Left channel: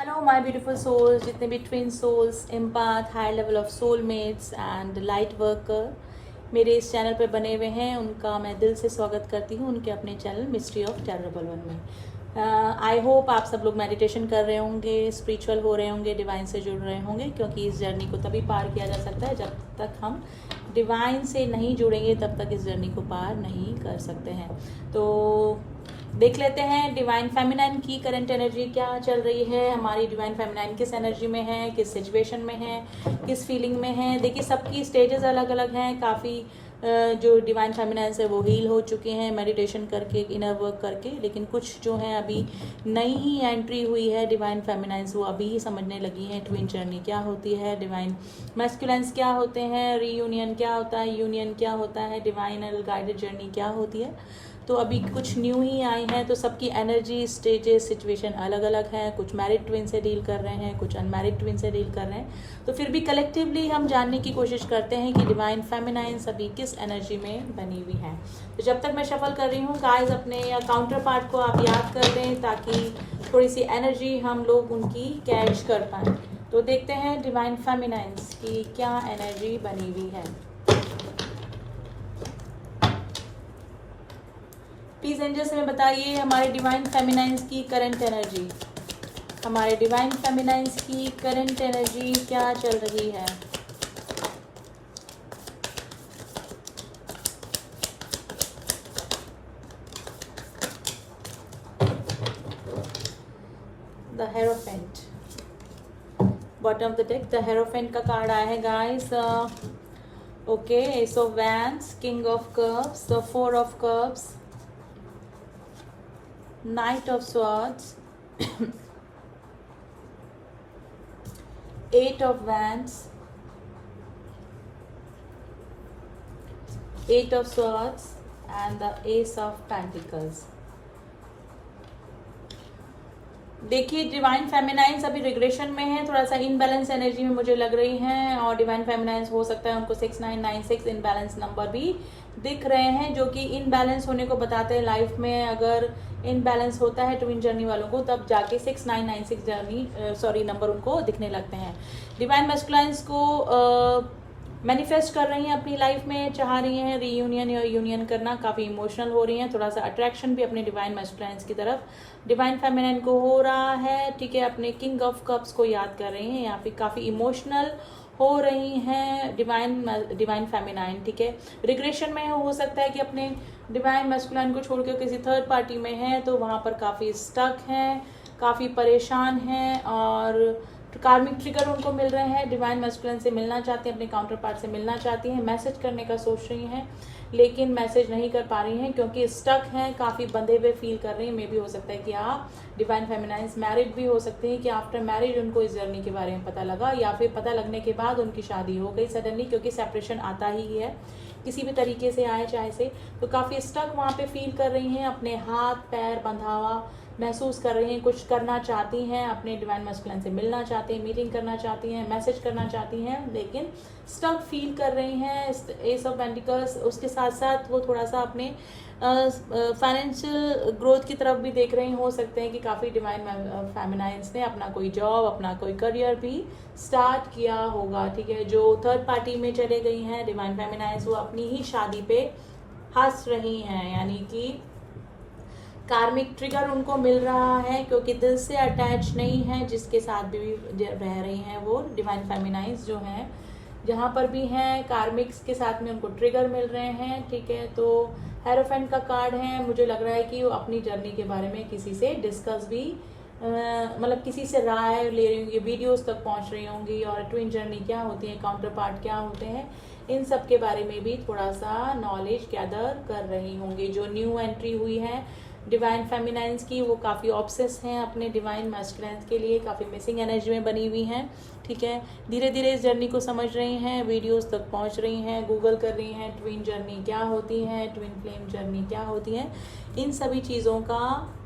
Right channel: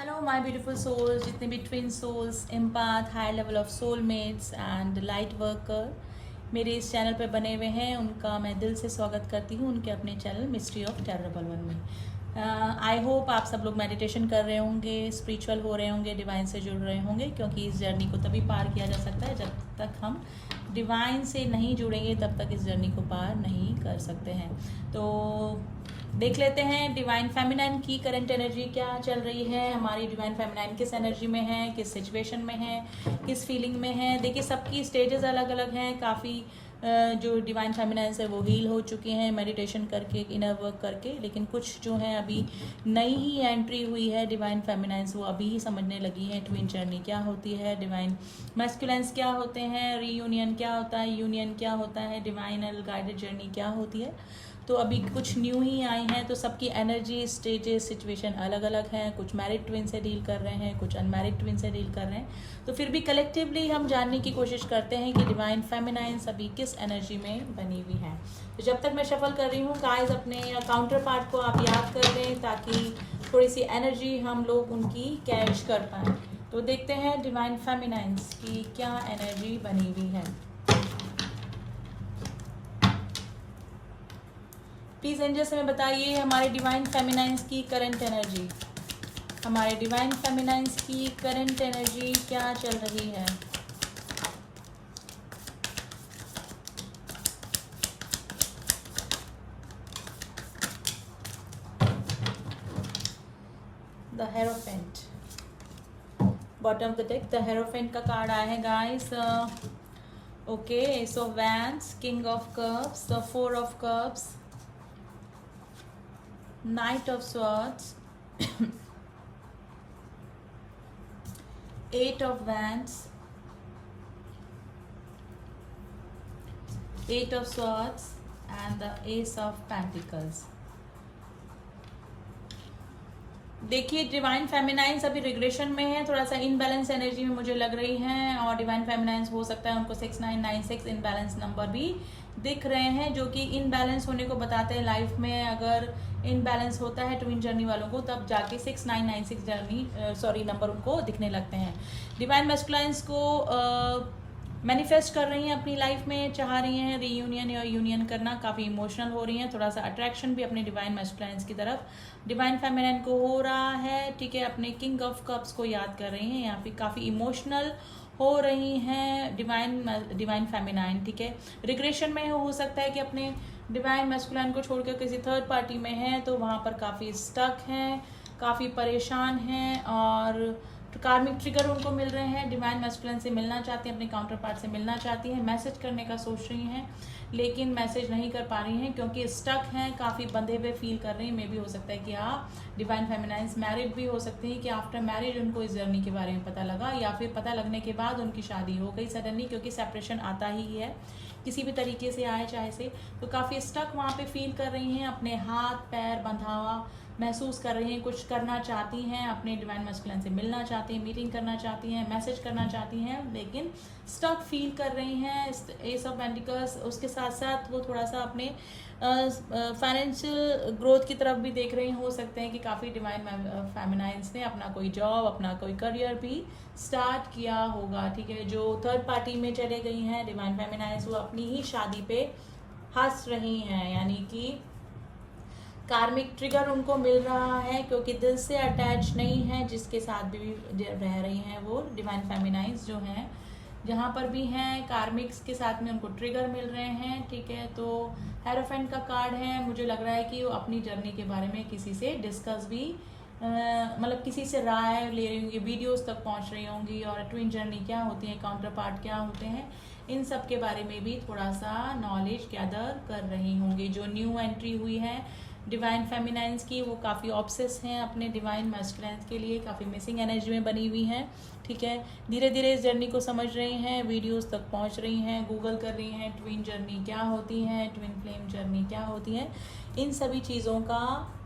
Hello my beautiful souls, जितने भी twin souls, empath, high level of soulmates and light worker मेरे इस channel पे बने हुए हैं, उनका मैं दिल से स्वागत करती हूँ उनके अपने channel mystery of terrible one में। आई होप आप सब लोग मेडिटेशन कर रहे होंगे, स्पिरिचुअल हो रहे होंगे, डिवाइन से जुड़ रहे होंगे, क्योंकि इस जर्नी को तभी पार किया जा सकता है जब तक हम डिवाइन से नहीं जुड़ेंगे, तब तक इस जर्नी को पार नहीं कर सकते हैं। तो देख लेते हैं डिवाइन फेमिनाइन की करंट एनर्जी क्या चल रही है। हमारी डिवाइन फेमिनाइन किस एनर्जी में है, किस सिचुएशन में है, किस फीलिंग में है। देखिए, सबकी स्टेजेस अलग अलग हैं। काफ़ी जो डिवाइन फेमिनाइन है वो हील हो चुके हैं मेडिटेशन करके, इनर वर्क करके, लेकिन कुछ जो है अभी नई एंट्री हुई है डिवाइन फेमिनाइंस, वो अभी ही समझने लगी हैं ट्विन जर्नी क्या होती है, डिवाइन मैस्कुलेंस क्या होते हैं, रीयूनियन क्या होता है, यूनियन क्या होता है, डिवाइनल गाइडेड जर्नी क्या होती है। तो अभी कुछ न्यू ही आए हैं, तो सबकी एनर्जी, स्टेजेस, सिचुएशन अलग अलग हैं। कुछ मैरिड ट्विन से डील कर रहे हैं, कुछ अनमैरिड ट्विन से डील कर रहे हैं। तो फिर भी कलेक्टिवली हम जानने की कोशिश करते हैं कि डिवाइन फेमिनाइन अभी किस एनर्जी में बनी हुई है। तो जब तक मैं शफल कर रही हूँ गाइस, अपने काउंटर पार्ट को आप याद कर लें ताकि थोड़ी सी एनर्जी हम लोग उनकी कैच कर पाएँ। तो देखते हैं डिवाइन फेमिनाइंस की क्या एनर्जी बनी हुई है। प्लीज एंजल्स में बताइए हमारे डिवाइन फेमिनाइंस की करंट एनर्जी, हमारे डिवाइन फेमिनाइंस की करंट एनर्जी क्या चल रही है। The hierophant, bottom of the deck the hierophant का कार्ड आया है guys. Okay, S of wands, king of cups, the four of cups, Knight of Swords, Eight of Wands, Eight of Swords and the Ace of Pentacles. देखिए, divine फेमिनाइंस अभी regression में है, थोड़ा सा imbalance energy में मुझे लग रही हैं, और डिवाइन फेमिनाइंस हो सकता है उनको 6996 इनबैलेंस नंबर भी दिख रहे हैं, जो कि इनबैलेंस होने को बताते हैं लाइफ में। अगर इनबैलेंस होता है ट्विन जर्नी वालों को, तब जाके 6996 जर्नी नंबर उनको दिखने लगते हैं। डिवाइन मैस्कुलाइंस को मैनिफेस्ट कर रही हैं अपनी लाइफ में, चाह रही हैं रीयूनियन या यूनियन करना, काफ़ी इमोशनल हो रही हैं, थोड़ा सा अट्रैक्शन भी अपने डिवाइन मैस्कुलाइंस की तरफ डिवाइन फेमिनाइन को हो रहा है। ठीक है, अपने किंग ऑफ कप्स को याद कर रही हैं, यहाँ पे काफ़ी इमोशनल हो रही हैं डिवाइन फेमिनाइन। ठीक है, रिग्रेशन में हो सकता है कि अपने डिवाइन मैस्कुलाइन को छोड़कर किसी थर्ड पार्टी में है, तो वहाँ पर काफ़ी स्टक हैं, काफ़ी परेशान हैं, और कार्मिक ट्रिगर उनको मिल रहे हैं। डिवाइन मैस्कुलिन से मिलना चाहती हैं, अपने काउंटर पार्ट से मिलना चाहती हैं, मैसेज करने का सोच रही हैं, लेकिन मैसेज नहीं कर पा रही हैं क्योंकि स्टक हैं, काफ़ी बंधे हुए फील कर रही हैं। मे भी हो सकता है कि आप डिवाइन फेमिनाइंस मैरिड भी हो सकते हैं, कि आफ्टर मैरिज उनको इस जर्नी के बारे में पता लगा, या फिर पता लगने के बाद उनकी शादी हो गई सडनली, क्योंकि सेपरेशन आता ही है किसी भी तरीके से आए चाहे से। तो काफ़ी स्टक वहाँ पे फील कर रही हैं, अपने हाथ पैर बंधा हुआ महसूस कर रही हैं, कुछ करना चाहती हैं, अपने डिवाइन मैस्कुलिन से मिलना चाहती हैं, मीटिंग करना चाहती हैं, मैसेज करना चाहती हैं, लेकिन स्टक फील कर रही हैं। एस ऑफ पेंटिकल्स, उसके साथ साथ वो थोड़ा सा अपने फाइनेंशियल ग्रोथ की तरफ भी देख रही हो सकते हैं कि काफ़ी डिवाइन फेमिनाइंस ने अपना कोई जॉब, अपना कोई करियर भी स्टार्ट किया होगा। ठीक है, जो थर्ड पार्टी में चले गई हैं डिवाइन फेमिनाइंस, वो अपनी ही शादी पे हंस रही हैं, यानी कि कार्मिक ट्रिगर उनको मिल रहा है, क्योंकि दिल से अटैच नहीं है जिसके साथ भी रह रही हैं वो डिवाइन फेमिनाइंस जो हैं, जहाँ पर भी हैं कार्मिक्स के साथ में उनको ट्रिगर मिल रहे हैं। ठीक है, तो हेरोफेंट का कार्ड है, मुझे लग रहा है कि वो अपनी जर्नी के बारे में किसी से डिस्कस भी मतलब किसी से राय ले रही होंगी, वीडियोस तक पहुंच रही होंगी, और ट्विन जर्नी क्या होती है, काउंटर पार्ट क्या होते हैं, इन सब के बारे में भी थोड़ा सा नॉलेज गैदर कर रही होंगी। जो न्यू एंट्री हुई है डिवाइन फेमिनाइंस की, वो काफ़ी ऑब्सेस हैं अपने डिवाइन मैस्कुलाइंस के लिए, काफ़ी मिसिंग एनर्जी में बनी हुई हैं। ठीक है, धीरे धीरे इस जर्नी को समझ रही हैं, वीडियोस तक पहुंच रही हैं, गूगल कर रही हैं ट्विन जर्नी क्या होती है, ट्विन फ्लेम जर्नी क्या होती है, इन सभी चीज़ों का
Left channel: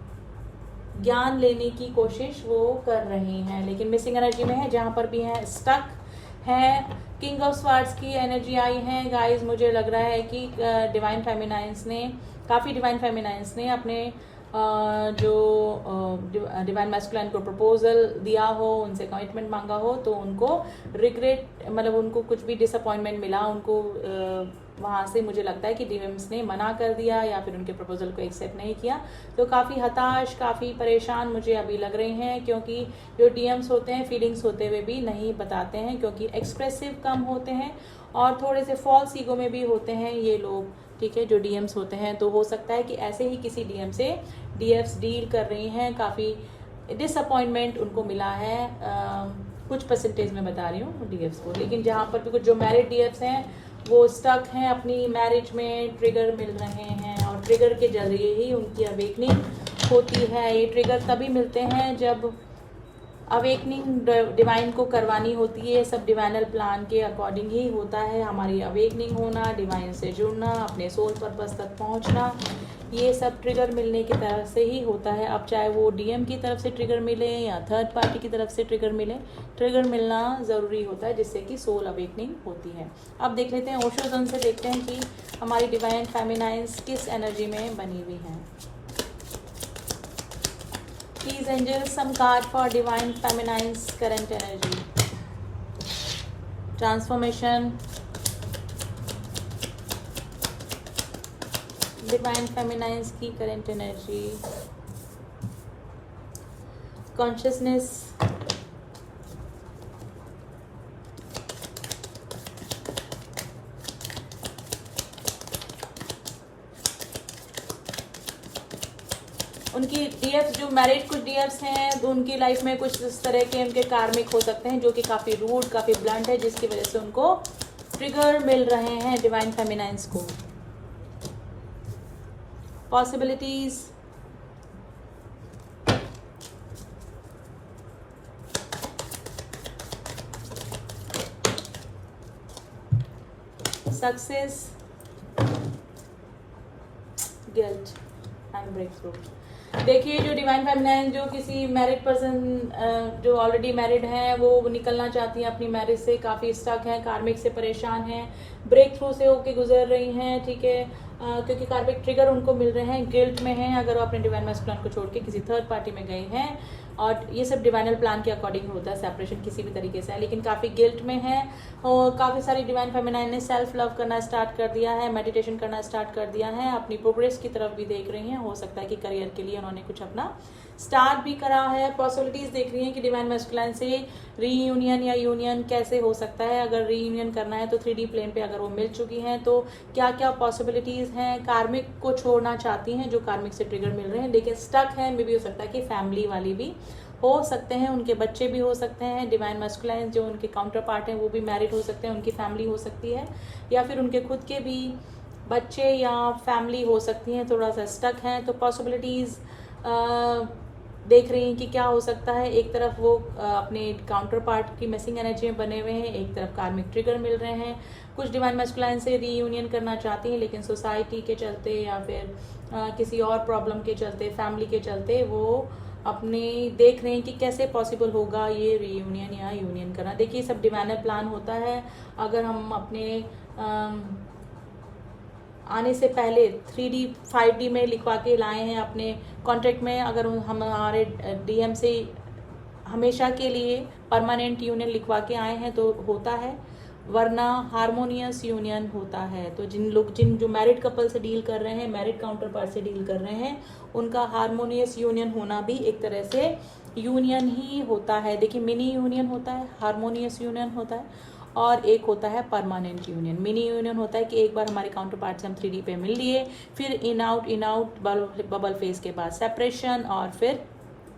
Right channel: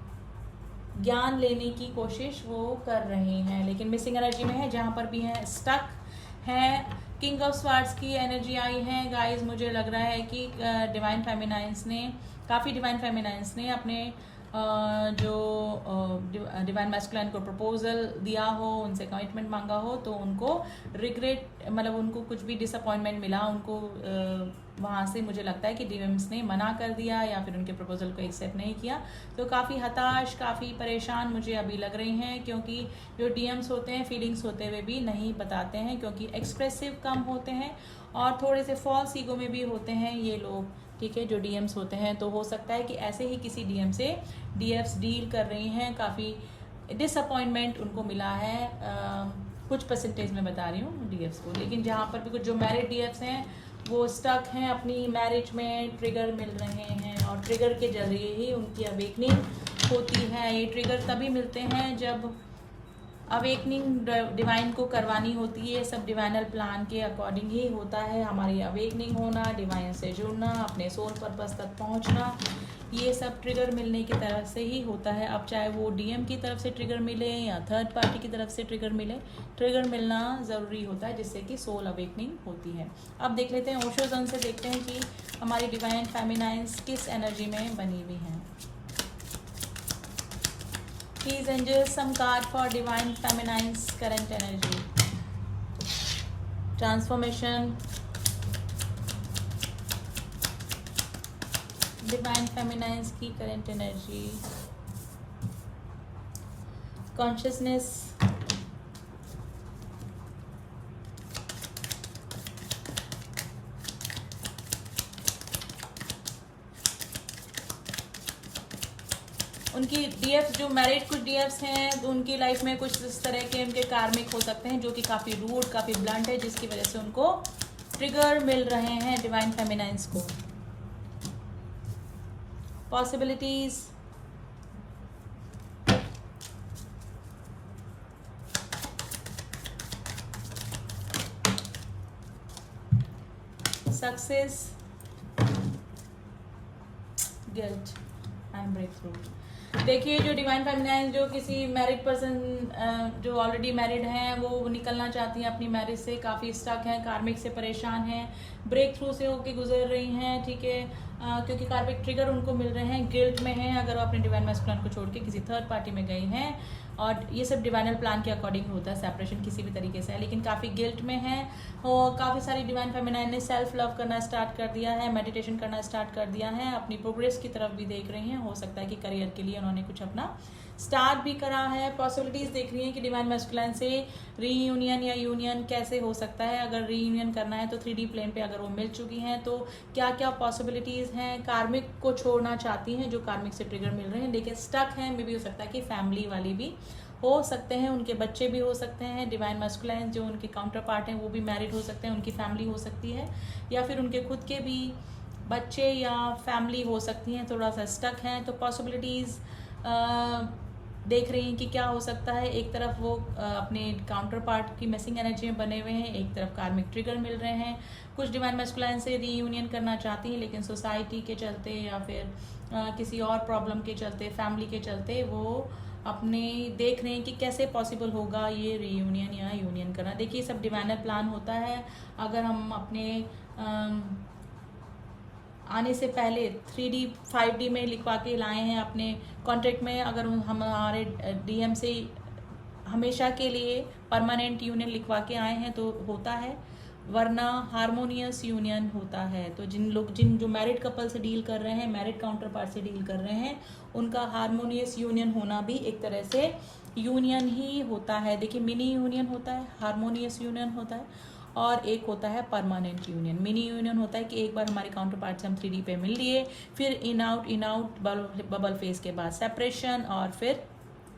ज्ञान लेने की कोशिश वो कर रही हैं, लेकिन मिसिंग एनर्जी में है, जहाँ पर भी है स्टक है। किंग ऑफ स्वार्ड्स की एनर्जी आई है गाइस, मुझे लग रहा है कि डिवाइन फेमिनाइंस ने, काफ़ी डिवाइन फेमिनाइंस ने अपने जो डिवाइन मैस्कुलाइन को प्रपोजल दिया हो, उनसे कमिटमेंट मांगा हो, तो उनको रिग्रेट, मतलब उनको कुछ भी डिसअपॉइंटमेंट मिला, उनको वहाँ से मुझे लगता है कि डीएम्स ने मना कर दिया या फिर उनके प्रपोजल को एक्सेप्ट नहीं किया, तो काफ़ी हताश, काफ़ी परेशान मुझे अभी लग रहे हैं, क्योंकि जो डीएम्स होते हैं फीलिंग्स होते हुए भी नहीं बताते हैं, क्योंकि एक्सप्रेसिव कम होते हैं और थोड़े से फॉल्स ईगो में भी होते हैं ये लोग, ठीक है, जो डीएम्स होते हैं। तो हो सकता है कि ऐसे ही किसी डीएम से डीएफ्स डील कर रही हैं, काफ़ी डिसअपॉइंटमेंट उनको मिला है, कुछ परसेंटेज में बता रही हूँ डीएफ्स को, लेकिन जहाँ पर भी कुछ जो मैरिड डीएफ्स हैं वो स्टक हैं अपनी मैरिज में, ट्रिगर मिल रहे हैं और ट्रिगर के जरिए ही उनकी अवेकनिंग होती है। ये ट्रिगर तभी मिलते हैं जब अवेकनिंग डिवाइन को करवानी होती है, सब डिवाइनल प्लान के अकॉर्डिंग ही होता है। हमारी अवेकनिंग होना, डिवाइन से जुड़ना, अपने सोल पर्पस तक पहुंचना, ये सब ट्रिगर मिलने की तरफ से ही होता है। अब चाहे वो डीएम की तरफ से ट्रिगर मिले या थर्ड पार्टी की तरफ से ट्रिगर मिले, ट्रिगर मिलना ज़रूरी होता है जिससे कि सोल अवेकनिंग होती है। अब देख लेते हैं ओशो जोन से, देखते हैं कि हमारी डिवाइन फेमिनाइन्स किस एनर्जी में बनी हुई हैं। Please angels, some card for divine feminine's current energy. Transformation. Divine feminine's की current energy. Consciousness. उनकी डीएफ जो मैरिड कुछ डीएफ्स हैं, तो उनकी लाइफ में कुछ इस तरह के उनके कार्मिक हो सकते हैं जो कि काफ़ी रूड, काफ़ी ब्लंट है, जिसकी वजह से उनको ट्रिगर मिल रहे हैं डिवाइन फेमिनाइन्स को। Possibilities, success, guilt and break through. देखिए जो डिवाइन फेमिनाइन जो किसी मैरिड पर्सन जो ऑलरेडी मैरिड है, वो निकलना चाहती हैं अपनी मैरिज से, काफ़ी स्टक हैं, कार्मिक से परेशान हैं, ब्रेक थ्रू से होके गुजर रही हैं, ठीक है, क्योंकि कार्मिक ट्रिगर उनको मिल रहे हैं, गिल्ट में हैं अगर वो अपने डिवाइन मैस्कुलाइन को छोड़ के किसी थर्ड पार्टी में गए हैं, और ये सब डिवाइनल प्लान के अकॉर्डिंग होता है, सेपरेशन किसी भी तरीके से है, लेकिन काफ़ी गिल्ट में है। और काफ़ी सारी डिवाइन फेमिनाइन ने सेल्फ लव करना स्टार्ट कर दिया है, मेडिटेशन करना स्टार्ट कर दिया है, अपनी प्रोग्रेस की तरफ भी देख रही हैं। हो सकता है कि करियर के लिए उन्होंने कुछ अपना स्टार्ट भी करा है। पॉसिबिलिटीज देख रही हैं कि डिवाइन मैस्कुलाइन से रीयूनियन या यूनियन कैसे हो सकता है। अगर रीयूनियन करना है तो 3D प्लेन पे अगर वो मिल चुकी हैं तो क्या क्या पॉसिबिलिटीज हैं। कार्मिक को छोड़ना चाहती हैं जो कार्मिक से ट्रिगर मिल रहे हैं, लेकिन स्टक हैं, मे भी हो सकता है कि फैमिली वाले भी हो सकते हैं, उनके बच्चे भी हो सकते हैं। डिवाइन मैस्कुलाइन जो उनके काउंटर पार्ट हैं वो भी मैरिड हो सकते हैं, उनकी फैमिली हो सकती है, या फिर उनके खुद के भी बच्चे या फैमिली हो सकती हैं, थोड़ा सा स्टक हैं। तो पॉसिबिलिटीज़ देख रही हैं कि क्या हो सकता है। एक तरफ वो अपने काउंटर पार्ट की मिसिंग एनर्जी में बने हुए हैं, एक तरफ कार्मिक ट्रिगर मिल रहे हैं। कुछ डिवाइन मैस्कुलाइन से रीयूनियन करना चाहती हैं, लेकिन सोसाइटी के चलते या फिर किसी और प्रॉब्लम के चलते, फैमिली के चलते वो अपनी देख रहे हैं कि कैसे पॉसिबल होगा ये रीयूनियन या यूनियन करना। देखिए सब डिवाइनल प्लान होता है। अगर हम अपने आने से पहले 3D 5D में लिखवा के लाए हैं अपने कॉन्ट्रैक्ट में, अगर हम हमारे डीएम से हमेशा के लिए परमानेंट यूनियन लिखवा के आए हैं तो होता है, वरना हारमोनियस यूनियन होता है। तो जिन जो मैरिड कपल से डील कर रहे हैं, मैरिड काउंटर पार्ट से डील कर रहे हैं, उनका हारमोनियस यूनियन होना भी एक तरह से यूनियन ही होता है। देखिए मिनी यूनियन होता है, हारमोनियस यूनियन होता है, और एक होता है परमानेंट यूनियन। मिनी यूनियन होता है कि एक बार हमारे काउंटर पार्ट से हम 3D पे मिल लिए, फिर इन आउट बबल फेज के बाद सेपरेशन, और फिर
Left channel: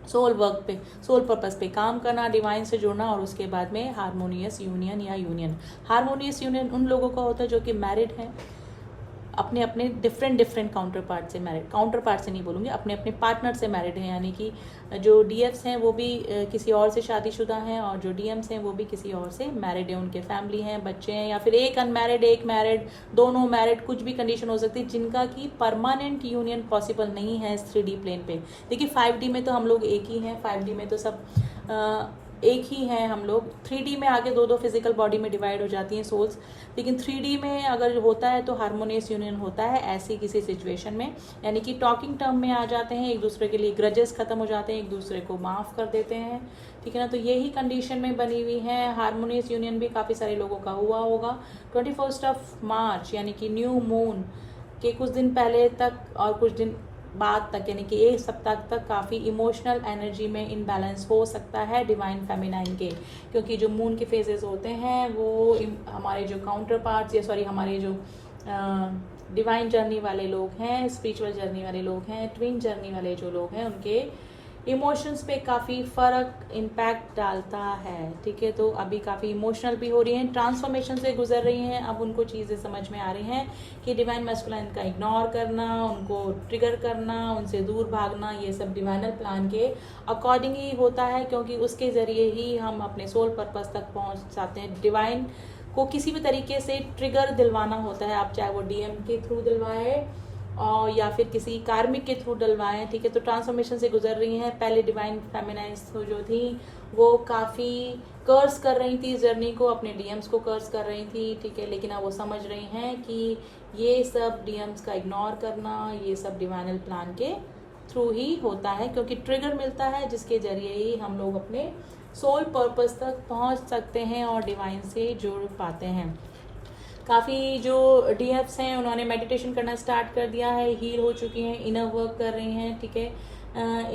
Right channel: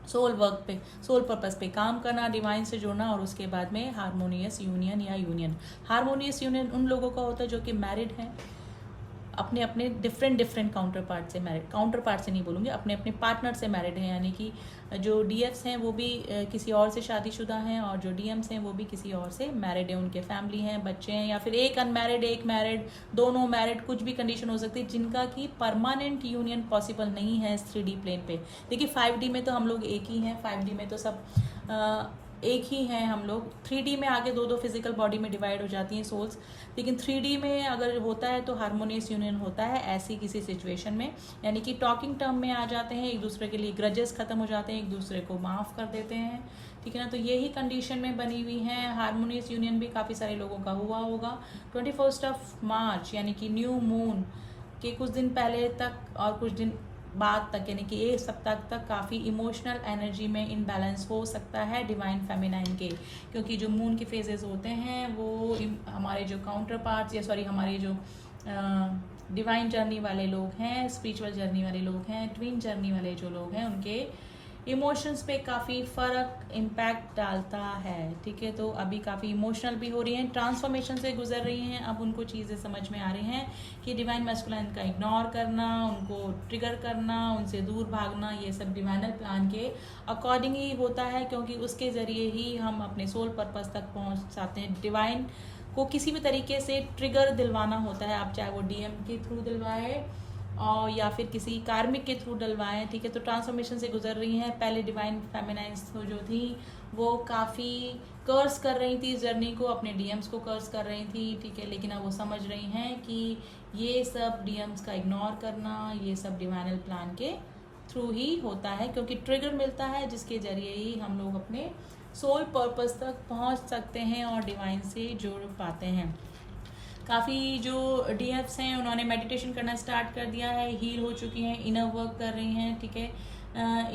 सोल वर्क पे, सोल पर्पस पे काम करना, डिवाइन से जुड़ना, और उसके बाद में हारमोनियस यूनियन या यूनियन। हारमोनियस यूनियन उन लोगों का होता है जो कि मैरिड हैं, अपने अपने डिफरेंट काउंटर पार्ट से मैरिड, काउंटर पार्ट से नहीं बोलूँगी, अपने अपने पार्टनर से मैरिड हैं, यानी कि जो डीएफ्स हैं वो भी किसी और से शादीशुदा हैं, और जो डीएम्स हैं वो भी किसी और से मैरिड हैं, उनके फैमिली हैं, बच्चे हैं, या फिर एक अनमैरिड एक मैरिड, दोनों मैरिड, कुछ भी कंडीशन हो सकती है, जिनका कि परमानेंट यूनियन पॉसिबल नहीं है इस 3D प्लेन पे। देखिए 5D में तो हम लोग एक ही हैं, 5D में तो सब एक ही हैं हम लोग। 3D में आगे दो दो फिजिकल बॉडी में डिवाइड हो जाती हैं सोल्स, लेकिन 3D में अगर होता है तो हार्मोनियस यूनियन होता है ऐसी किसी सिचुएशन में, यानी कि टॉकिंग टर्म में आ जाते हैं, एक दूसरे के लिए ग्रजेस खत्म हो जाते हैं, एक दूसरे को माफ कर देते हैं, ठीक है ना। तो यही कंडीशन में बनी हुई है। हार्मोनियस यूनियन भी काफ़ी सारे लोगों का हुआ होगा। 21 मार्च यानी कि न्यू मून के कुछ दिन पहले तक और कुछ दिन बाद तक, यानी कि एक सप्ताह तक काफ़ी इमोशनल एनर्जी में इनबैलेंस हो सकता है डिवाइन फेमिनाइन के, क्योंकि जो मून के फेजेस होते हैं वो हमारे जो काउंटर पार्ट्स या सॉरी हमारे जो डिवाइन जर्नी वाले लोग हैं, स्पिरिचुअल जर्नी वाले लोग हैं, ट्विन जर्नी वाले जो लोग हैं, उनके इमोशंस पे काफ़ी फ़र्क इम्पैक्ट डालता है, ठीक है। तो अभी काफ़ी इमोशनल भी हो रही हैं, ट्रांसफॉर्मेशन से गुजर रही हैं। अब उनको चीज़ें समझ में आ रही हैं कि डिवाइन मैस्कुलाइन का इग्नोर करना, उनको ट्रिगर करना, उनसे दूर भागना, ये सब डिवाइनल प्लान के अकॉर्डिंग ही होता है, क्योंकि उसके ज़रिए ही हम अपने सोल पर्पस तक पहुँच जाते हैं। डिवाइन को किसी भी तरीके से ट्रिगर दिलवाना होता है, आप चाहे वो डीएम के थ्रू दिलवाए और या फिर किसी कार्मिक के थ्रू डलवाएं, ठीक है। तो ट्रांसफॉर्मेशन से गुजर रही हैं। पहले डिवाइन फेमिनाइज जो थी वो काफ़ी कर्स कर रही थी इस जर्नी को, अपने डीएम्स को कर्स कर रही थी, ठीक है। लेकिन अब वो समझ रही हैं कि ये सब डीएम्स का इग्नोर करना, ये सब डिवाइनल प्लान के थ्रू ही होता है, क्योंकि ट्रिगर मिलता है जिसके जरिए ही हम लोग अपने सोल पर्पस तक पहुंच सकते हैं और डिवाइन से जुड़ पाते हैं। काफ़ी जो डीएफ्स हैं उन्होंने मेडिटेशन करना स्टार्ट कर दिया है, हील हो चुकी हैं, इनर वर्क कर रही हैं, ठीक है।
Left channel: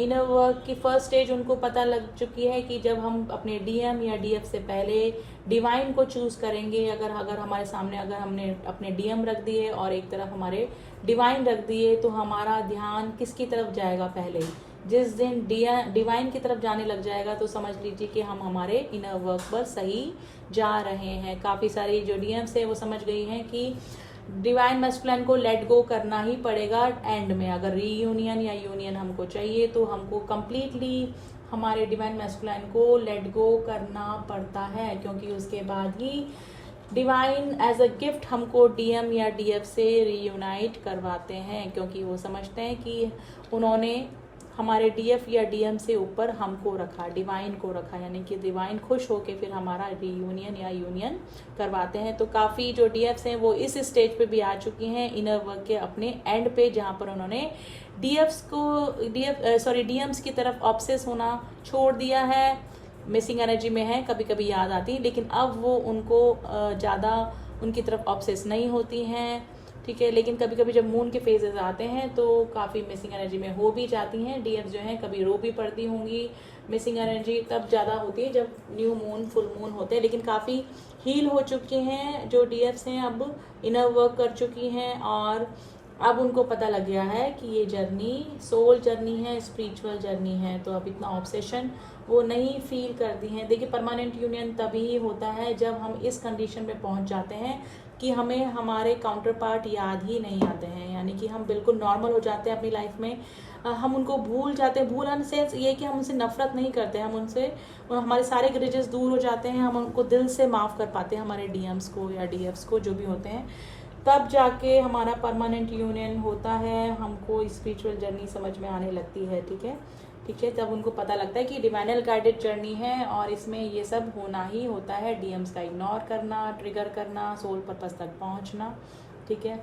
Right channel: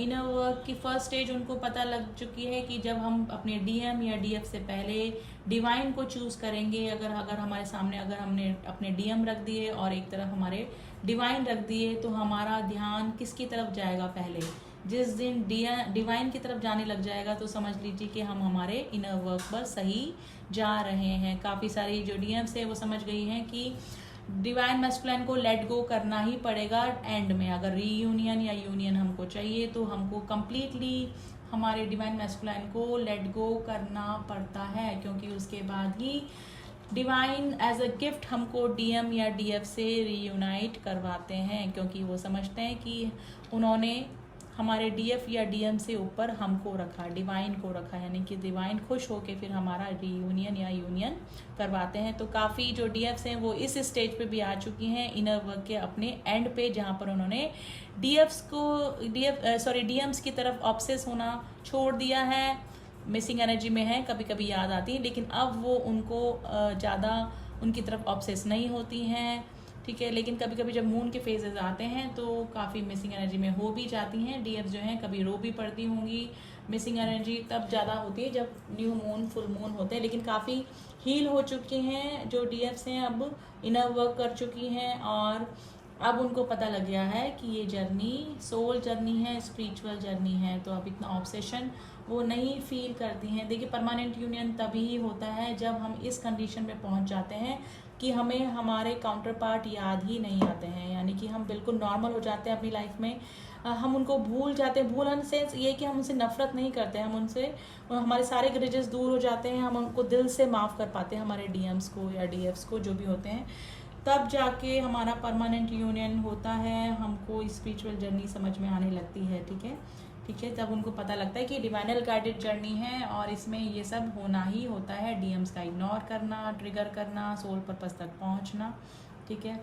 इनर वर्क की फर्स्ट स्टेज उनको पता लग चुकी है कि जब हम अपने डीएम या डीएफ से पहले डिवाइन को चूज करेंगे, अगर हमारे सामने अगर हमने अपने डीएम रख दिए और एक तरफ हमारे डिवाइन रख दिए, तो हमारा ध्यान किसकी तरफ जाएगा पहले? जिस दिन डिवाइन की तरफ जाने लग जाएगा तो समझ लीजिए कि हम हमारे इनर वर्क पर सही जा रहे हैं। काफ़ी सारी जो डीएम्स है वो समझ गई हैं कि डिवाइन मैस्कुलाइन को लेट गो करना ही पड़ेगा एंड में। अगर रीयूनियन या यूनियन हमको चाहिए तो हमको कंप्लीटली हमारे डिवाइन मैस्कुलाइन को लेट गो करना पड़ता है, क्योंकि उसके बाद ही डिवाइन एज अ गिफ्ट हमको डीएम या डीएफ से रीयूनाइट करवाते हैं, क्योंकि वो समझते हैं कि उन्होंने हमारे डीएफ या डीएम से ऊपर हमको रखा, डिवाइन को रखा, यानी कि डिवाइन खुश होके फिर हमारा रीयूनियन या यूनियन करवाते हैं। तो काफ़ी जो डीएफ्स हैं वो इस स्टेज पे भी आ चुकी हैं इनर वर्क के अपने एंड पे, जहाँ पर उन्होंने डीएम्स की तरफ ऑब्सेस होना छोड़ दिया है। मिसिंग एनर्जी में है, कभी कभी याद आती है, लेकिन अब वो उनको ज़्यादा उनकी तरफ ऑब्सेस नहीं होती हैं, ठीक है। लेकिन कभी कभी जब मून के फेजेस आते हैं तो काफ़ी मिसिंग एनर्जी में हो भी जाती हैं डीएफ जो हैं, कभी रो भी पड़ती होंगी। मिसिंग एनर्जी कब ज़्यादा होती है? जब न्यू मून फुल मून होते हैं। लेकिन काफ़ी हील हो चुके हैं जो डीएफ्स हैं, अब इनर वर्क कर चुकी हैं और अब उनको पता लग गया है कि ये जर्नी सोल जर्नी है, स्पिरिचुअल जर्नी है। तो अब इतना ऑब्सेशन वो नहीं फील करती हैं। देखिए, परमानेंट यूनियन तभी होता है जब हम इस कंडीशन में पहुंच जाते हैं कि हमें हमारे काउंटर पार्ट याद ही नहीं आते हैं, यानी कि हम बिल्कुल नॉर्मल हो जाते हैं अपनी लाइफ में। हम उनको भूल जाते हैं। भूलने से ये कि हम उनसे नफरत नहीं करते, हम उनसे हमारे सारे ग्रजेस दूर हो जाते हैं, हम उनको दिल से माफ़ कर पाते हैं, हमारे डीएम्स को या डीएफ्स को जो भी होते हैं। तब जाके हमारा परमानेंट यूनियन होता है, हमको स्पिरिचुअल जर्नी समझ में आने लगती है, ठीक है, ठीक है। तब उनको पता लगता है कि डिवाइनल गाइडेड जर्नी है और इसमें ये सब होना ही होता है। डीएम्स का इग्नोर करना, ट्रिगर करना, सोल पर्पस तक पहुंचना, ठीक है।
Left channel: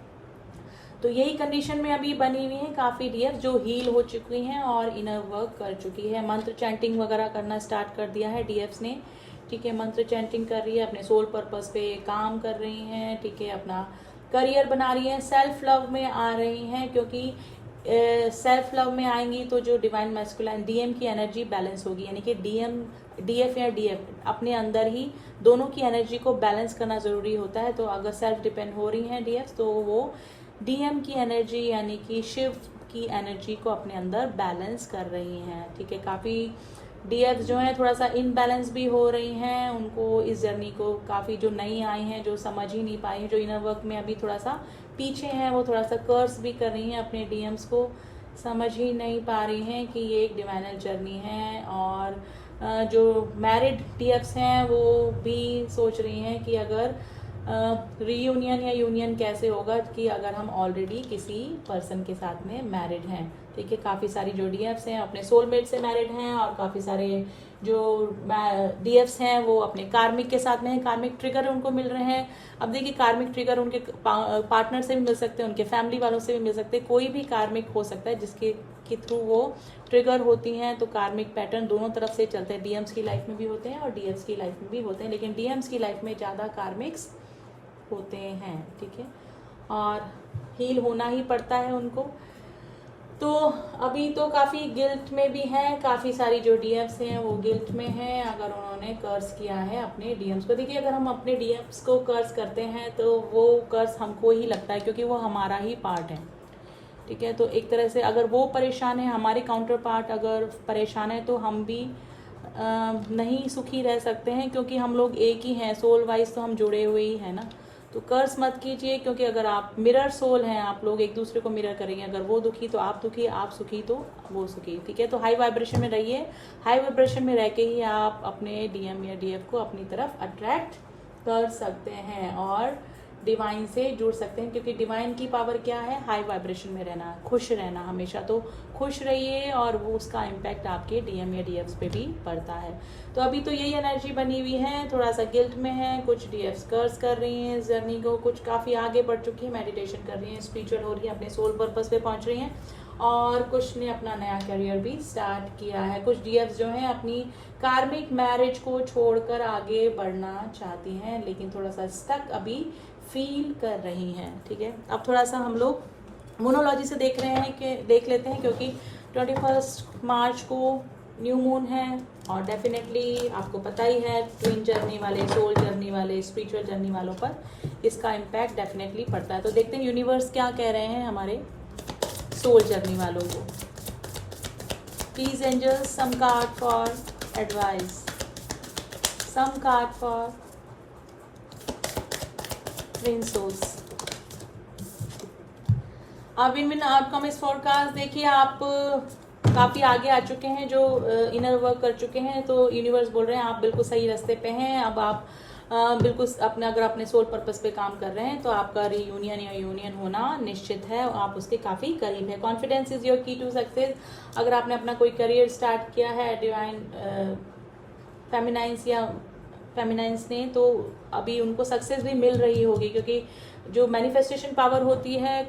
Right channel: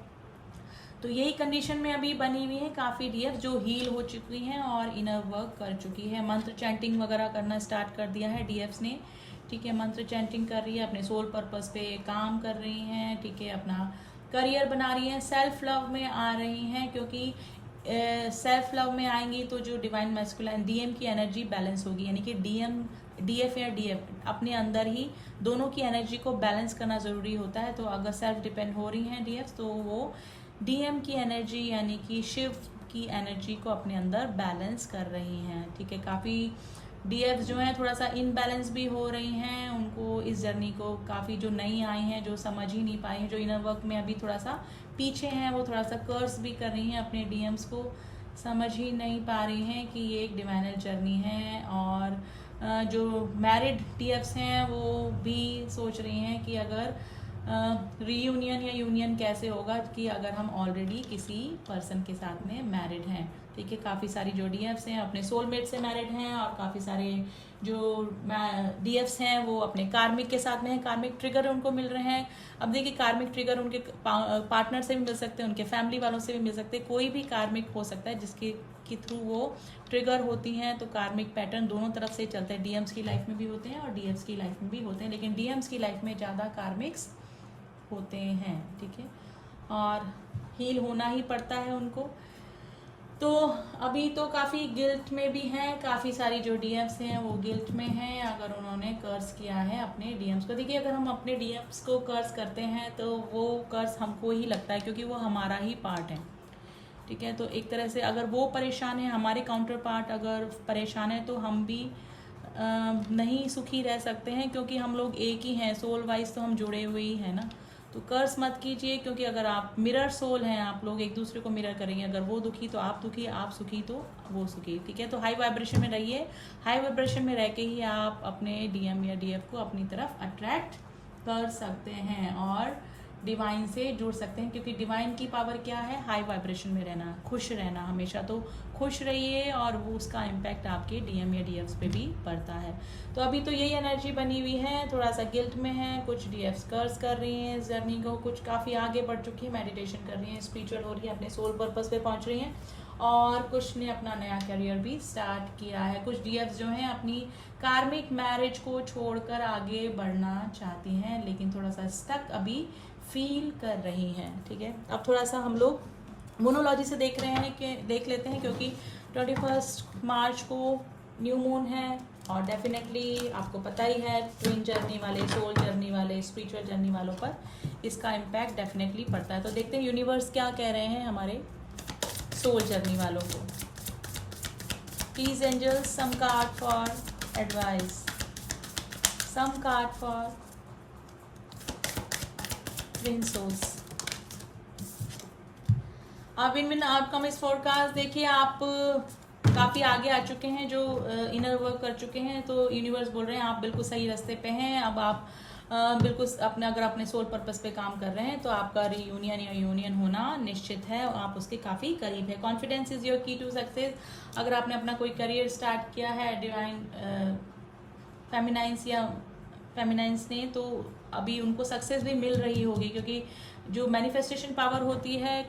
तो यही कंडीशन में अभी बनी हुई है काफ़ी डीएफ जो हील हो चुकी हैं और इनर वर्क कर चुकी है। मंत्र चैंटिंग वगैरह करना स्टार्ट कर दिया है डीएफ्स ने, ठीक है। मंत्र चैंटिंग कर रही है, अपने सोल पर्पस पे काम कर रही हैं, ठीक है। अपना करियर बना रही हैं, सेल्फ लव में आ रही हैं, क्योंकि सेल्फ लव में आएंगी तो जो डिवाइन मैस्कुलाइन डीएम की एनर्जी बैलेंस होगी, यानी कि डीएफ या डीएफ अपने अंदर ही दोनों की एनर्जी को बैलेंस करना ज़रूरी होता है। तो अगर सेल्फ डिपेंड हो रही हैं डीएफ तो वो डीएम की एनर्जी यानी कि शिव की एनर्जी को अपने अंदर बैलेंस कर रही हैं, ठीक है। काफ़ी डीएफ जो है थोड़ा सा इनबैलेंस भी हो रही हैं, उनको इस जर्नी को काफ़ी जो नई आई हैं जो समझ ही नहीं पाई, जो इनर वर्क में अभी थोड़ा सा पीछे हैं, वो थोड़ा सा कर्स भी कर रही हैं, अपने डीएम्स को समझ ही नहीं पा रही हैं कि ये एक डिवाइनल जर्नी है। और जो मैरिड डीएफ्स हैं वो भी सोच रही हैं कि अगर रीयूनियन या यूनियन कैसे होगा कि अगर हम ऑलरेडी किसी पर्सन के साथ में मैरिड हैं, देखिए काफ़ी सारी जो डीएफ्स हैं अपने सोलमेट से मैरिड हैं, और काफ़ी सारे जो डीएफ्स हैं वो अपने कार्मिक के साथ में हैं, कार्मिक ट्रिगर उनको मिल रहे हैं। अब देखिए कार्मिक ट्रिगर उनके पार्टनर से भी मिल सकते हैं, उनके फैमिली वालों से भी मिल सकते हैं, कोई भी कार्मिक हो सकता है जिसके के थ्रू वो ट्रिगर होती हैं। तो कार्मिक पैटर्न दोनों तरफ से चलते हैं, डीएम्स की लाइफ में भी होते हैं और डीएफ्स की लाइफ में भी होते हैं, लेकिन डीएम्स की लाइफ में ज़्यादा कार्मिक्स होते हैं, ठीक है, और हील होना ही पड़ता है उनको। तो अभी तो काफ़ी गिल्ट में भी हैं, काफ़ी सारी जो डीएम्स हैं वो गिल्ट में हैं अगर उन्होंने कर्ज किया है अपने डीएम्स को। देखिए अगर हम अपने डीएम्स को कर्ज करते हैं तो वो कर्ज हमको ही लगता है, क्योंकि वो हमारा ही पार्ट है, ठीक है। तो एक तरह से अगर वो परेशान है, हमारे काउंटर पार्ट अगर परेशान है, तो हम भी नहीं सुखी रह सकते हैं, क्योंकि हम लोग एक ही हैं, सोल वाइज तो हम जुड़े हुए ही हैं ना। तो कर्ज मत कीजिए, क्योंकि अगर आप मिरर सोल हैं, आप लोग एक दूसरे को मिरर करेंगे, अगर वो दुखी तो आप दुखी, आप सुखी तो वो सुखी, ठीक है। तो हाई वाइब्रेशन में रहिए, हाई वाइब्रेशन में रह के ही आप अपने डीएम या डीएफ को अपनी तरफ अट्रैक्ट कर सकते हैं और डिवाइन से जुड़ सकते हैं, क्योंकि डिवाइन की पावर क्या है, हाई वाइब्रेशन में रहना, खुश रहना हमेशा। तो खुश रहिए और वो उसका इम्पैक्ट आपके डीएम या डीएफ्स पे भी पड़ता है। तो अभी तो यही एनर्जी बनी हुई है, थोड़ा सा गिल्ट में है, कुछ डीएफ्स कर्ज कर रही हैं इस जर्नी को, कुछ काफ़ी आगे बढ़ चुकी है, मेडिटेशन कर रही हैं, स्पिरिचुअल हो रही है, अपने सोल पर्पस पे पहुंच रही हैं, और कुछ ने अपना नया करियर भी स्टार्ट किया है। कुछ डीएफ्स जो हैं अपनी कार्मिक मैरिज को छोड़कर आगे बढ़ना चाहती हैं, लेकिन थोड़ा सा स्टक अभी फील कर रही हैं, ठीक है। अब थोड़ा सा हम लोग मोनोलॉजी से देख लेते हैं, क्योंकि 21 मार्च को न्यू मून है, और डेफिनेटली आपको पता ही है ट्विन जर्नी वाले, सोल जर्नी वाले, स्पिरिचुअल जर्नी वालों पर इसका इम्पैक्ट डेफिनेटली पड़ता है। तो देखते हैं यूनिवर्स क्या कह रहे हैं हमारे सोल जर्नी वालों को। Please angels, some card for advice, some card for twin souls. अभी मैंने आपका मिस फोरकास्ट देखिए, आप काफ़ी आगे आ चुके हैं, जो इनर वर्क कर चुके हैं, तो यूनिवर्स बोल रहे हैं आप बिल्कुल सही रास्ते पे हैं। अब आप बिल्कुल अपने, अगर अपने सोल पर्पस पे काम कर रहे हैं तो आपका रीयूनियन या यूनियन होना निश्चित है, और आप उसके काफ़ी करीब है। कॉन्फिडेंस इज योर की टू सक्सेस। अगर आपने अपना कोई करियर स्टार्ट किया है डिवाइन फेमिनाइंस या फेमिनाइंस ने, तो अभी उनको सक्सेस भी मिल रही होगी, क्योंकि जो मैनिफेस्टेशन पावर होती है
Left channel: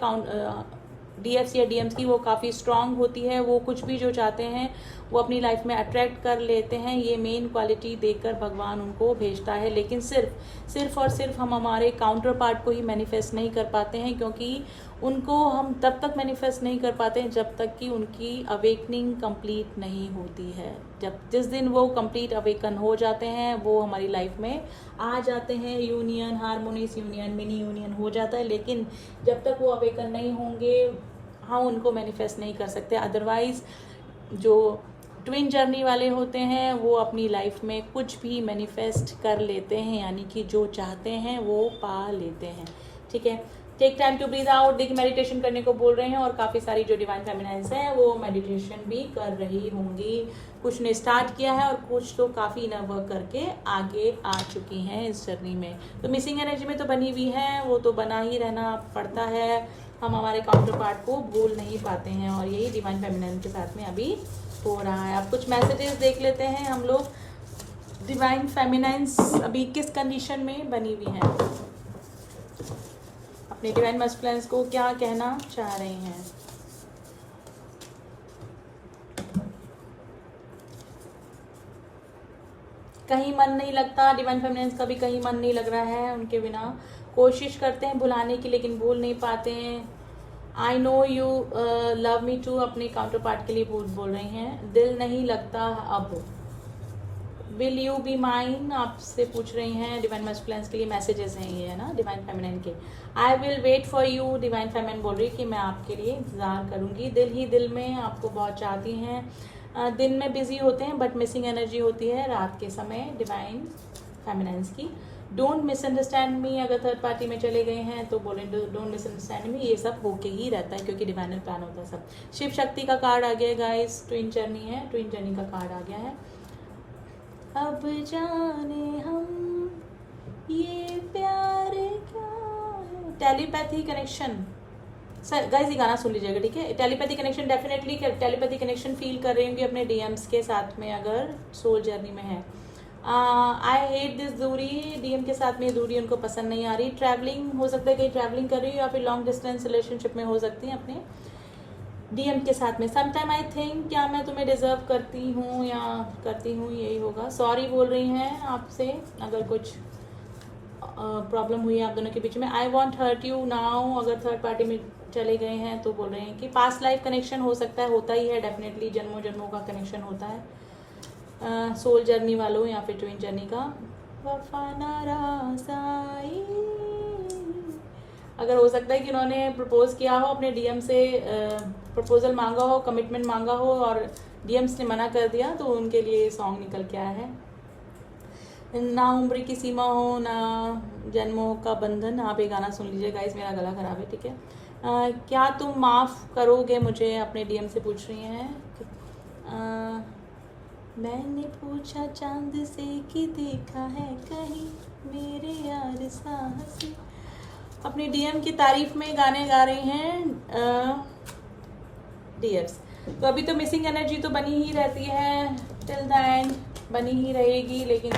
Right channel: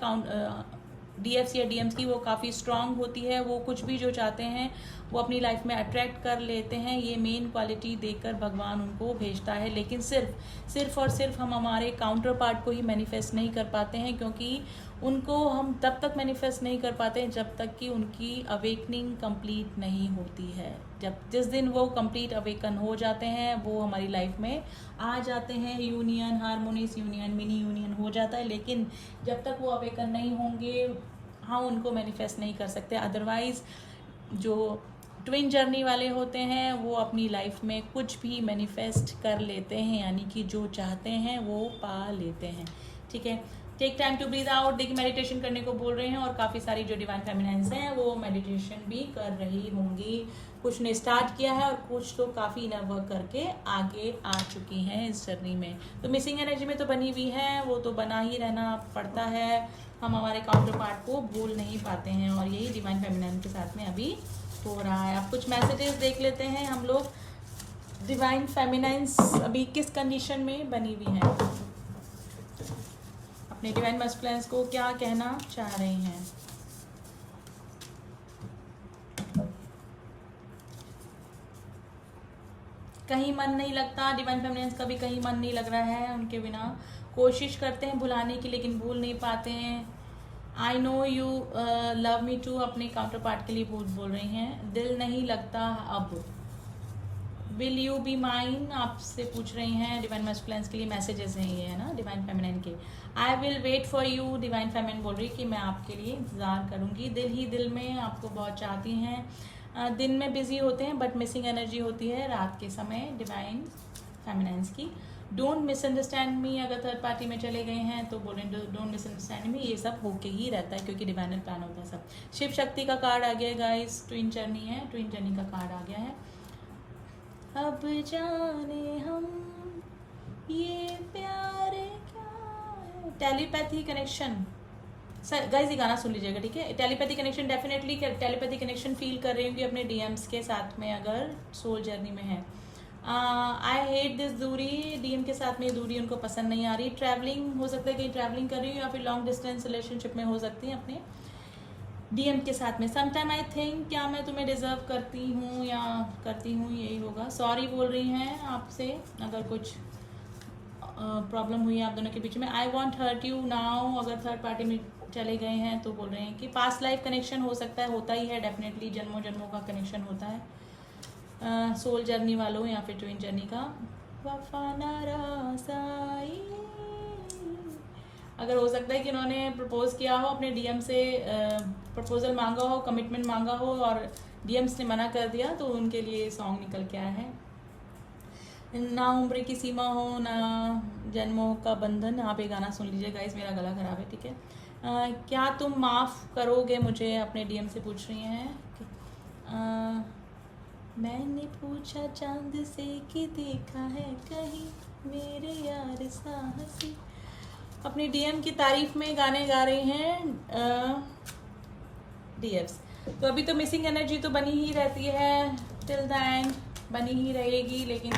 डीएफ्स या डीएम्स की, वो काफ़ी स्ट्रांग होती है। वो कुछ भी जो चाहते हैं वो अपनी लाइफ में अट्रैक्ट कर लेते हैं, ये मेन क्वालिटी देकर भगवान उनको भेजता है। लेकिन सिर्फ और सिर्फ हम हमारे काउंटर पार्ट को ही मैनिफेस्ट नहीं कर पाते हैं, क्योंकि उनको हम तब तक मैनिफेस्ट नहीं कर पाते हैं जब तक कि उनकी अवेकनिंग कंप्लीट नहीं होती है। जिस दिन वो कंप्लीट अवेकन हो जाते हैं, वो हमारी लाइफ में आ जाते हैं, union, harmonious union, mini union हो जाता है। लेकिन जब तक वो अवेकन नहीं होंगे हम उनको मैनिफेस्ट नहीं कर सकते। अदरवाइज जो ट्विन जर्नी वाले होते हैं वो अपनी लाइफ में कुछ भी मैनिफेस्ट कर लेते हैं, यानी कि जो चाहते हैं वो पा लेते हैं, ठीक है। Take time to breathe out. देखिए मेडिटेशन करने को बोल रहे हैं, और काफ़ी सारी जो डिवाइन फेमिनाइंस हैं वो मेडिटेशन भी कर रही होंगी। कुछ ने स्टार्ट किया है और कुछ तो काफ़ी इनर वर्क करके आगे आ चुकी हैं इस जर्नी में। तो मिसिंग एनर्जी में तो बनी हुई है, वो तो बना ही रहना पड़ता है, हम हमारे काउंटर पार्ट को भूल नहीं पाते हैं, और यही डिवाइन फेमिनाइन के साथ में अभी हो रहा है। अब कुछ मैसेजेस देख लेते हैं हम लोग। डिवाइन फेमिनाइंस अभी किस कंडीशन में बनी हुई है, अपने डिवाइन मस्कुलिन्स को क्या कहना चाह रहे हैं। कहीं मन नहीं लगता, डिवाइन फेमिनाइंस का भी कहीं मन नहीं लग रहा है उनके बिना। कोशिश करते हैं भुलाने की, लेकिन भूल नहीं पाते हैं। I know you love me too अपने काउंटर पार्ट के लिए बोल रहे हैं। दिल नहीं लगता अब। विल यू बी माइन आपसे पूछ रही हैं। डिवाइन मस्कुलिन्स के लिए मैसेजेस हैं ये, है ना, डिवाइन फेमिनिन के। I will wait for you, divine feminine बोल रही कि मैं आपके लिए इंतजार करूंगी। दिल ही दिल में आपको बहुत चाहती हैं। दिन में बिजी होते हैं बट मिसिंग एनर्जी होती है रात के समय डिवाइन फेमिनाइंस की। डोंट मिसअंडरस्टैंड मी, अगर थर्ड पार्टी में चले गए हैं तो बोले डोंट मिसअंडरस्टैंड मी। ये सब होके ही रहता है क्योंकि डिवाइन प्लान होता है सब। शिव शक्ति का कार्ड आ गया गाइस, ट्विन जर्नी है, ट्विन जर्नी का कार्ड आ गया है। अब जाने हम ये प्यार क्या है, टेलीपैथी कनेक्शन, सर गाइस ये गाना सुन लीजिएगा, ठीक है। Telepathy connection, definitely telepathy connection feel कर रही होंगी अपने डीएम्स के साथ में अगर सोल जर्नी में है। आई हेट दिस दूरी, डीएम के साथ में दूरी उनको पसंद नहीं आ रही। ट्रैवलिंग हो सकता है कि ट्रैवलिंग कर रही हो या फिर लॉन्ग डिस्टेंस रिलेशनशिप में हो सकती है अपने डीएम के साथ में। समटाइम आई थिंक क्या मैं तुम्हें डिजर्व करती हूँ या करती हूँ, यही होगा। सॉरी बोल रही हैं आपसे अगर कुछ प्रॉब्लम हुई है आप दोनों के बीच में। I won't hurt you now, अगर थर्ड पार्टी में चले गए हैं तो बोल रहे हैं कि पास्ट लाइफ कनेक्शन हो सकता है, होता ही है डेफिनेटली, जन्मों जन्मों का कनेक्शन होता है सोल जर्नी वालों या फिर ट्विन जर्नी का। अगर हो सकता है कि उन्होंने प्रपोज किया हो अपने डीएम से, प्रपोजल मांगा हो, कमिटमेंट मांगा हो और डीएम्स ने मना कर दिया, तो उनके लिए सॉन्ग निकल के आया है। ना उम्र की सीमा हो ना जन्मों का बंधन, आप ये गाना सुन लीजिए गाइस, मेरा गला खराब है, ठीक है। क्या तुम माफ़ करोगे मुझे, अपने डीएम से पूछ रही हैं। मैंने पूछा चांद से कि देखा है कहीं मेरे यार साहस, अपनी डीएम की तारीफ में गाने गा रही हैं डीएम्स। तो अभी तो मिसिंग एनर्जी तो बनी ही रहती है टिल द एंड, बनी ही रहेगी, लेकिन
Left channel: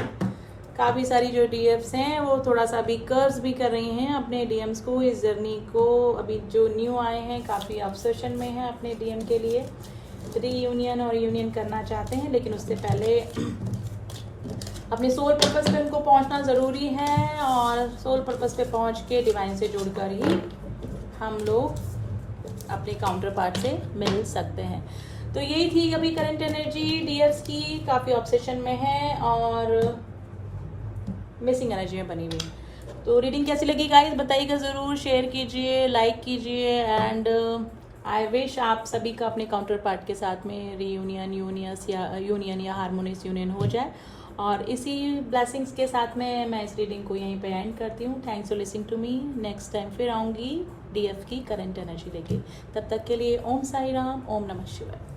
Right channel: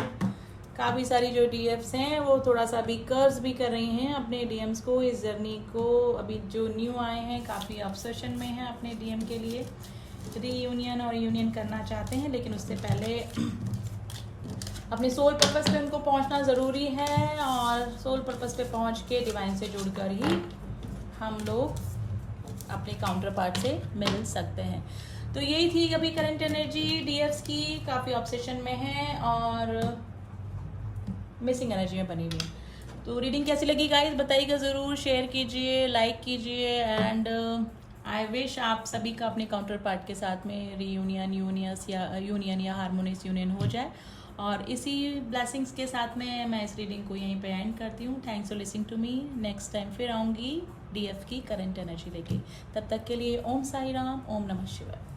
काफ़ी सारी जो डीएफ्स हैं वो थोड़ा सा अभी कर्व्स भी कर रही हैं अपने डीएम्स को, इस जर्नी को। अभी जो न्यू आए हैं काफ़ी ऑब्सेशन में है अपने डीएम के लिए, रीयूनियन और यूनियन करना चाहते हैं, लेकिन उससे पहले अपने सोल पर्पस पे उनको पहुंचना ज़रूरी है, और सोल पर्पस पे पहुंच के डिवाइन से जुड़कर ही हम लोग अपने काउंटर पार्ट से मिल सकते हैं। तो यही थी अभी करंट एनर्जी डीएफ्स की, काफ़ी ऑब्सेशन में है और मिसिंग एनर्जी में बनी हुई। तो रीडिंग कैसी लगी गाइस बताइएगा ज़रूर, शेयर कीजिए, लाइक कीजिए, एंड आई विश आप सभी का अपने काउंटर पार्ट के साथ में रीयूनियन यूनियन या हारमोनियस यूनियन हो जाए। और इसी ब्लेसिंग्स के साथ में मैं इस रीडिंग को यहीं पे एंड करती हूँ। Thanks for listening to me. Next time फिर आऊँगी डीएफ की करंट एनर्जी लेके, तब तक के लिए ओम साई राम, ओम नमः शिवाय।